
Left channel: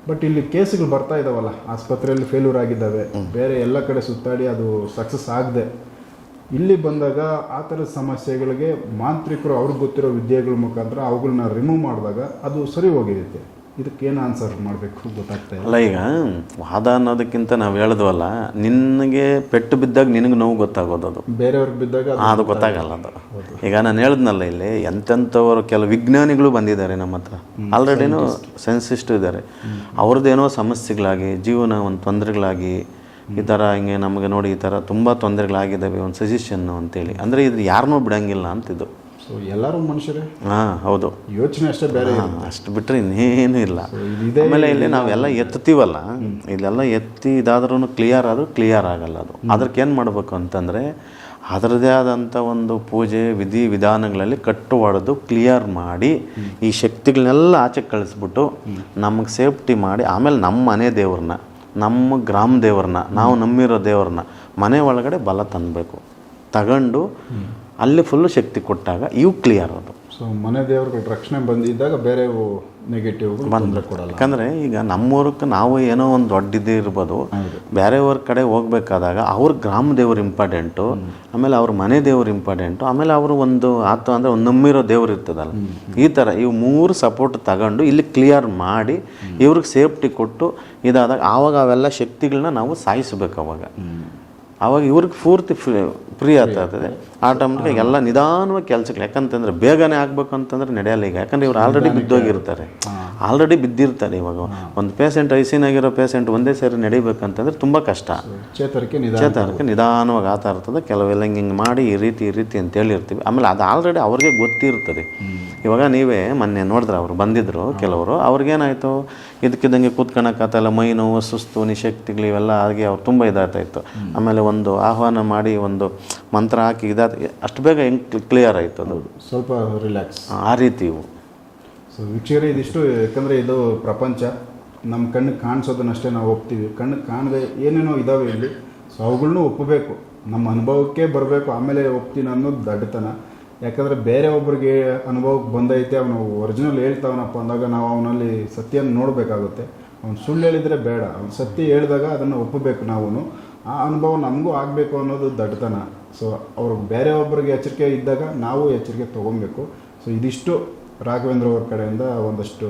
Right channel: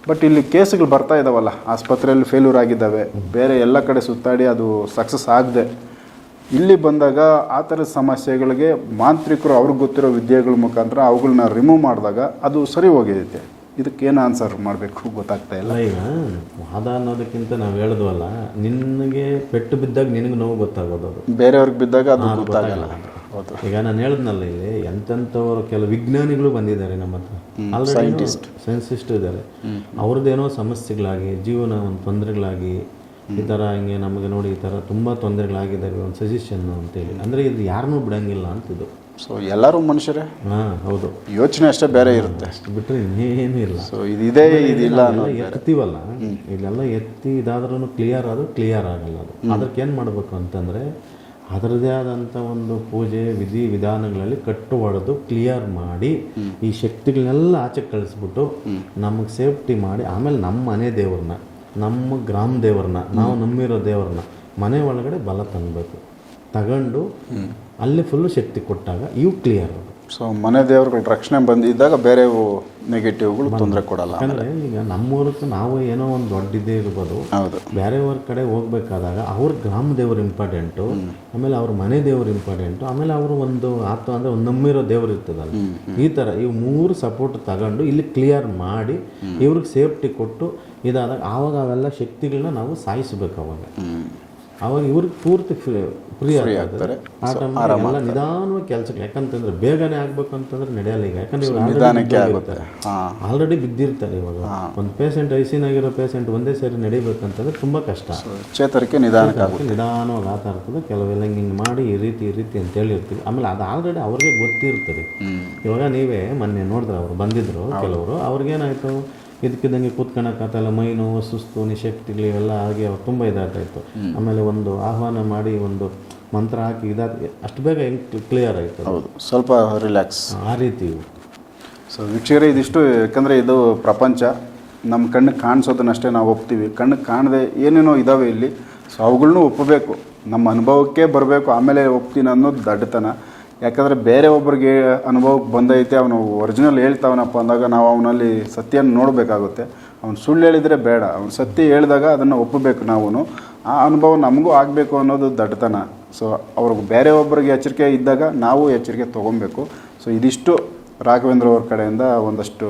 ಬಟ್ ಇಲ್ಲಿ ಕೇಸ್ಗಳು ಬರ್ತಾ ಇದ್ದಾವಲ್ಲ ಆಸ್ಪತ್ರೆಯಲ್ಲಿ ಫೇಲ್ಯೂರ್ ಆಗಿದ್ದಾವೆ ಬೇರೆ ಎಲ್ಲ ಕಡೆ ಸುತ್ತಾಡಿ ಅದು ಸಕ್ಸಸ್ ಆಗದೆ. ಇಲ್ಲಿ ಬಂದಾಗ ಆ ಥರದ ಸಮಸ್ಯೆಗಳಿಗೆ ಮಾಂತ್ರಿಕರು ಅವ್ರಿಗೆ ಗೊತ್ತಿರೋ ವಿದ್ಯೆಗಳ ಮುಖಾಂತರ ಅವುಗಳನ್ನ ರಿಮೂವ್ ಮಾಡಿದಾಗ ಅದು ಸರಿ ಹೋಗಿರುತ್ತೆ. ಇದಕ್ಕೇನು ಆನ್ಸರ್ ಮಾಡಬೇಕು? ಗೊತ್ತಾಗ್ತಾ ಇಲ್ಲ. ಅಲ್ಲ ಈಗ ವಾದ ಅನ್ನೋದಕ್ಕಿಂತ ನಾವು ಹೇಳಿದ್ವಲ್ಲ ನಿನಗೆ ಪೆಟ್ಟು ಬಿದ್ದಾಗ ನಿನಗೆ ನೋವು ಗೊತ್ತಾಗೋದು ಅದು. ಬೇರೆಯವ್ರಿಗೆ ಬಿದ್ದಾಗ ಅದು ಗೊತ್ತಾಗಲ್ಲ. ಅದು ಈಗ ನಾನು ಹೇಳಿದ್ನಲ್ಲ ಇಲ್ಲಿ ಎಂತೆಂಥವರು ಕೆಲವು ವಿಜ್ಞಾನಿಗಳು ಬಂದಿದ್ದಾರೆ ನಮ್ಮ ಹತ್ರ. ಆಲ್ರೆಡಿನೂ ಸೈನ್ಸಿಸ್ಟ್ ಇದ್ದಾರೆ. ಅವ್ರದ್ದೇನೋ ಸಮಸ್ಯೆಗಳಾಗಿ ಜೀವನ ಒಂದು ತೊಂದರೆಗಳಾಗಿ ಈ ಥರ ಹಿಂಗೆ ನಮಗೆ ನೋಡಿ ಈ ಥರ ತುಂಬ ತೊಂದರೆಗಳಾಗಿದ್ದಾವೆ ಒಂದು ಸಜೆಷನ್ನು ಅಂತೇಳಿ. ಅಂದರೆ ಇದು ಯಾರನ್ನೂ ಬಿಡೋಂಗಿಲ್ಲ ಅಂತಿದ್ದು. ಸೊ ಎಲ್ಲರೂ ಮನುಷ್ಯರೇ? ಹಾಂ ಹೌದು. ಯೋಚನೆ ಅಷ್ಟೇ ಬೇರೆ ಇರುತ್ತೆ. ಅಷ್ಟು ಬಿಟ್ಟರೆ ಇನ್ನೇನು ಇಲ್ಲ. ಸೊ ಇದೇ ಇಲ್ಲಿ ನಾವೆಲ್ಲ ಎತ್ತೀವಲ್ಲ ಇಲ್ಲೆಲ್ಲ ಎತ್ತಿ ಇದಾದ್ರೂ ಕ್ಲಿಯರ್ ಆದರೂ ಕ್ಲಿಯರ್ ಆಗಲ್ಲ ಅದು. ಅದಕ್ಕೆ ಏನು ಮಾಡಬೇಕು ಅಂತಂದರೆ ಅದರದೇ ಆದಂಥ ಒಂದು ಪೂಜೆ ವಿಧಿ ವಿಧಾನಗಳಲ್ಲಿ ಕಟ್ಟು ಹೊಡೆದು ಕ್ಲಿಯರ್ ಮಾಡಿ ಈ ಶಕ್ತಿಗಳನ್ನೆಲ್ಲ ಆಚೆ ಕಳಿಸ್ಬಿಟ್ಟು ನಮಗೆ ಸೇಫ್ಟಿ ಮಾಡಿ ಆಮೇಲೆ ನಮ್ಮ ಮನೆ ದೇವ್ರನ್ನ ನಮ್ಮ ಗ್ರಾಮ ದೇವ್ರನ್ನ ನಾವು ನಂಬಿರೋ ದೇವ್ರನ್ನ ಮನೆ ಒಳಗಡೆ ಬಲ ತಂದಬೇಕು. ತಗೊಂಡು ಅಲ್ಲಿ ಫುಲ್ಲು ಶಕ್ತಿ ಕೊಟ್ಟಾಗ ಇವು ಕ್ಲಿಯರ್ ಅದು. ಸೊ ಮನೆ ದೇವ್ರುಗಳ ರಕ್ಷಣೆ ಬಂದಿದ್ದಾಗ ಬೇರೆ ನೆಗೆಟಿವ್ಗಳು ತೊಂದರೆ ಕೊಡಲ್ಲ. ಯಾಕಂದರೆ ಈಗ ನಮ್ಮೂರಕ್ಕೆ ನಾವು ಏನೋ ಒಂದು ದೊಡ್ಡ ಇದೇ ಇರ್ಬೋದು. ಹೌದು. ಬೇರೆಯವ್ರ ಕಡೆ ಹೋಗ್ಬೇಕಾದಾಗ ಅವ್ರ ಗ್ರಾಮ ದೇವ್ರು ಇಂಪಾರ್ಟೆಂಟು ಆಮೇಲೆ ಅವ್ರ ಮನೆ ದೇವ್ರು ಇಂಪಾರ್ಟೆಂಟು ಆಮೇಲೆ ಅವರು ಒಂದು ಆತ ಅಂದರೆ ಒಂದು ನಮ್ಮಿರೋ ದೇವ್ರು ಇರ್ತದಲ್ಲ. ಈ ಥರ ಇವು ಮೂರು ಸಪೋರ್ಟ್ ತಗೊಂಡು ಇಲ್ಲಿ ಕ್ಲಿಯರ್ ಮಾಡಿ ಇವ್ರಿಗೆ ಸೇಫ್ಟಿ ಕೊಟ್ಟು ಇದಾದಾಗ ಆವಾಗ ಅವೆಲ್ಲ ಶಕ್ತಿಗಳನ್ನ ನಾವು ಸಾಯಿಸ್ಬೇಕು ಅವಾಗ. ಅವಾಗ ಇವ್ರಿಗೆ ಪೂರ್ತಿ ಫ್ರೀ ಫ್ರೀ ಆಗ್ತದೆ ಆ ಟೈಮ್ ಎಲ್ಲ ನಿಧಾನವಾಗಿ ಕೆಲಸಗಳು ಯಾಕಂತಂದ್ರೆ ಬೇಗನೆ ಆಗ್ಬೇಕು ಅಂತಂದ್ರೆ ನಡೆಯಲ್ಲ ಈಗ. ಯಾಕಂದ್ರೆ ಇವ್ರು ಆಲ್ರೆಡಿ ಬಿದ್ದೋಗಿರ್ತಾರೆ. ಆಲ್ರೆಡಿ ಬಿದ್ದಿರ್ತಾರೆ ಇವಾಗ. ಒಂದು ಪೇಷಂಟ್ ಐಸಿನಾಗಿರೋ ಪೇಷಂಟ್ ಒಂದೇ ಸೇರಿ ನಡಿಬೇಕಂತಂದ್ರೆ ತುಂಬಾ ಕಷ್ಟ. ಚೇತರಿಕೆ ನಿಧಾನಕ್ಕೆ ನಿಧಾನವಾಗಿ ಆತ ಇರ್ತದೆ. ಕೆಲವೆಲ್ಲ ಹಿಂಗೆ ಹಿಂಗೆ ಮಾಡಿ ಈ ರೀತಿ ಈ ರೀತಿ ಅಂತ ಹೇಳಿರ್ತೀವಿ. ಆಮೇಲೆ ಅದು ಆಲ್ರೆಡಿ ಅವ್ರಿಗೆ ಗೊತ್ತಿರ್ತದೆ. ಇವಾಗ ನೀವೇ ಮೊನ್ನೆ ನೋಡಿದ್ರೆ ಅವರು ಬಂದಿದ್ರು ಕೆಲವರು. ಅವ್ರಿಗೇನಾಯಿತು? ಇದಕ್ಕಿದ್ದಂಗೆ ಕೂತ್ಕೊಳಕ್ಕಾಗಲ್ಲ ಮೈ ನೋವು ಸುಸ್ತು ನಿಶಕ್ತಿಗಳು ಇವೆಲ್ಲ ಆಗಿ ಅವ್ರು ತುಂಬ ಇದಾಗ್ತಾಯಿತ್ತು ಆಮೇಲೆ ಒಂದು ಆಹ್ವಾನ ಮಾಡಿ ಒಂದು ಮಂತ್ರ ಹಾಕಿ ಇದಾದ ಅಷ್ಟು ಬೇಗ ಹೆಂಗೆ ಕ್ಲಿಯರ್ ಆಯಿತು ಹೌದು. ಸ್ವಲ್ಪ ರಿಲ್ಯಾಕ್ಸ್ ಆ ರೀತಿ ಇವು. ಸೊ ವೀಕ್ಷಕರೇ ಇದಿಷ್ಟು ಯಾಕಂದರೆ ಇದು ಪ್ರಪಂಚ. ನಮ್ಮ ಕಣ್ಣಿಗೆ ಕಾಣಿಸೋದನ್ನಷ್ಟೇ ನಾವು ಒಪ್ತೀವಿ. ಕಣ್ಣಿಗೆ ಕಾಣದೆ ಏನೇನೋ ಇದ್ದಾವೆ ಇಲ್ಲಿ. ಸೊ ಅವುಗಳನ್ನೂ ಒಪ್ಪಬೇಕು ನಮ್ಮ ಅನುಭವಕ್ಕೆ ಬರಬೇಕು. ಆಮೇಲೆ ಒಪ್ತೀನಿ ಅನ್ನೋದು ದಡ್ಡತನ. ಯಾಕಂದರೆ ಬೇರೆ ಒಬ್ಬರಿಗೆ ಅನುಭವಕ್ಕೆ ಬಂದೈತೆ, ಅವನು ಒರಿಜಿನಲ್ ಹೇಳ್ತಾವನಪ್ಪ ಅಂದಾಗ ನಾವು ಅವನಲ್ಲಿ ಸತ್ಯನ ನೋಡಬೇಕಾಗುತ್ತೆ. ಅವ್ನು ಸುಳ್ಳು ಹೇಳಿದರೆ ಬೇಡ, ಅವ್ನು ಸತ್ಯ ಹೇಳಿದಾಗ ಅದನ್ನು ಒಪ್ಪಬೇಕು ನಾವು ಆ ಅನುಭವ ನಮಗೂ ಆಗಬೇಕು ಅನ್ನೋದು ದಡ್ಡತನ. ಸೊ ಅವ್ರಿಗೆ ಬೇರೆ ಒಬ್ಬರಿಗೆ ಎಚ್ಚರಿಕೆ ಇದ್ದಾಗ ನಾವು ಎಚ್ಚರಿಕೆ ತೊಗೊಬೇಕು. ಸೊ ಇದಿಷ್ಟು ರಾಘವೇಂದ್ರ ಅವ್ರ ಕಡೆಯಿಂದ ಒಂದಷ್ಟು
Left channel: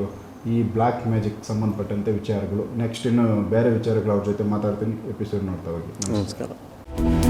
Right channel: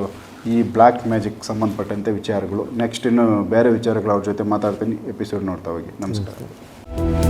ಈ ಬ್ಲ್ಯಾಕ್ ಮ್ಯಾಜಿಕ್ ಸಂಬಂಧಪಟ್ಟಂತೆ ವಿಚಾರಗಳು. ನೆಕ್ಸ್ಟ್ ಇನ್ನು ಬೇರೆ ವಿಚಾರಗಳು ಅವ್ರ ಜೊತೆ ಮಾತಾಡ್ತೀನಿ. ಎಪಿಸೋಡ್ ನೋಡ್ತಾ ಹೋಗಿ. ನಮಸ್ಕಾರ.